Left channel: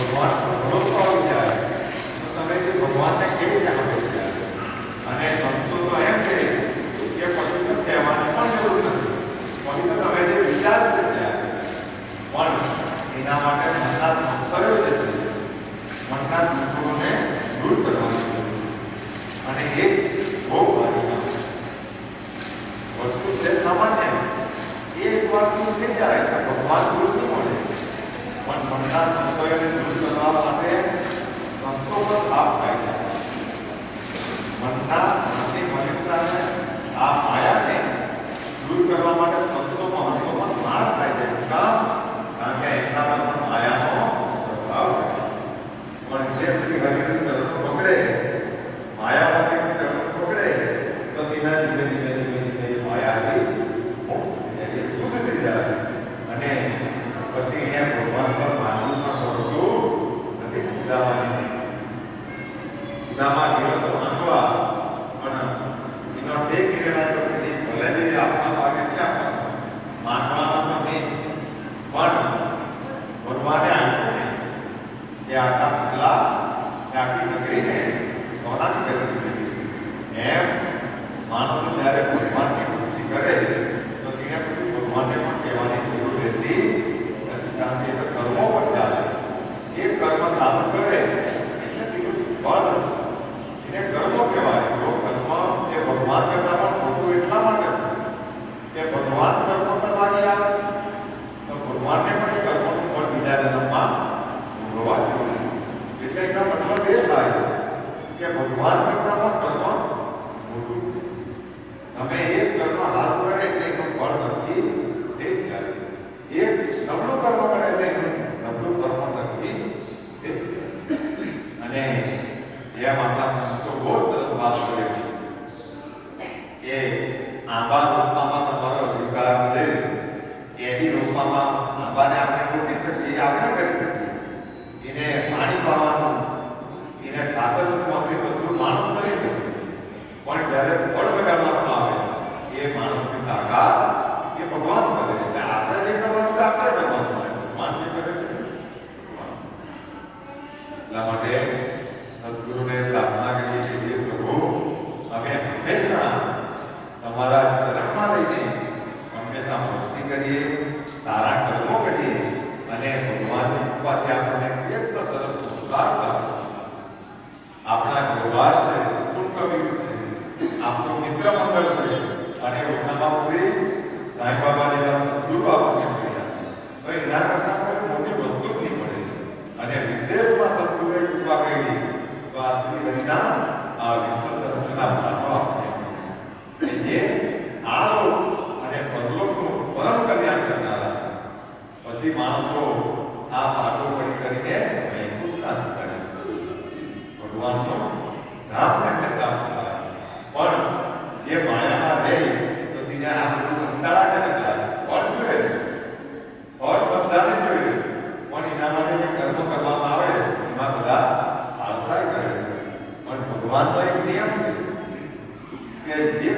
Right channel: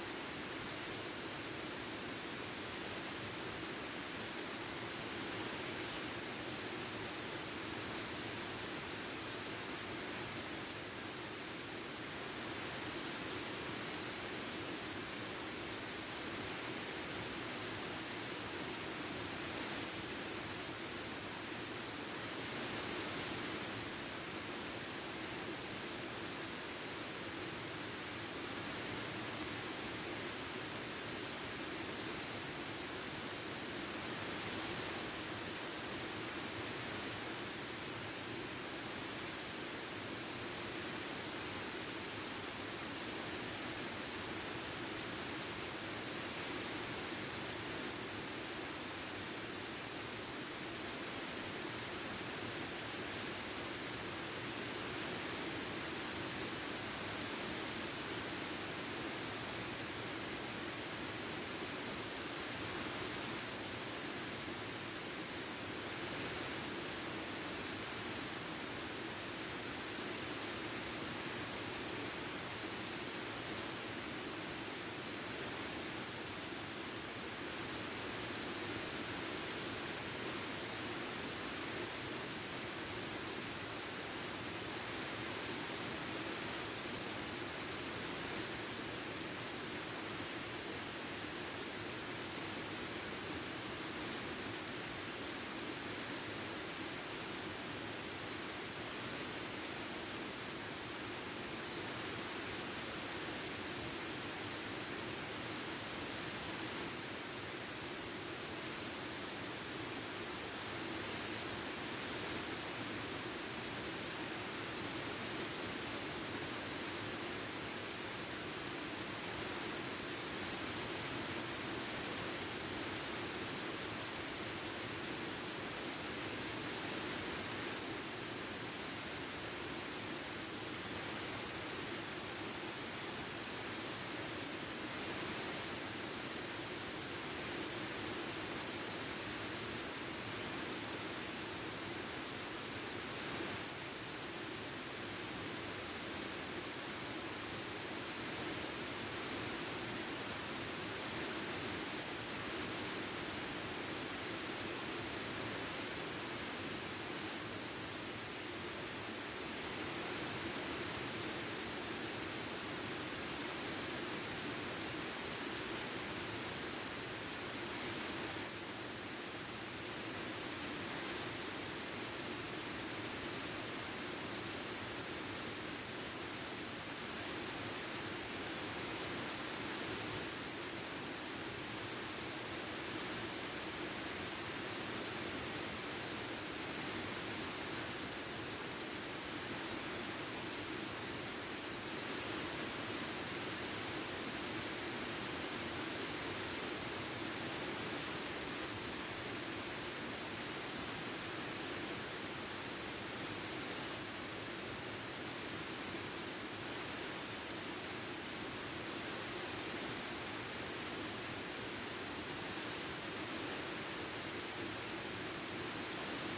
Будь ласка, розправді. dhamani dhamani é uma palavra છે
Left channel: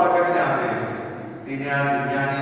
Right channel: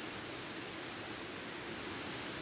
ഉറപ്പാക്കാനാണ് ഈ ഞാൻ ഞാൻ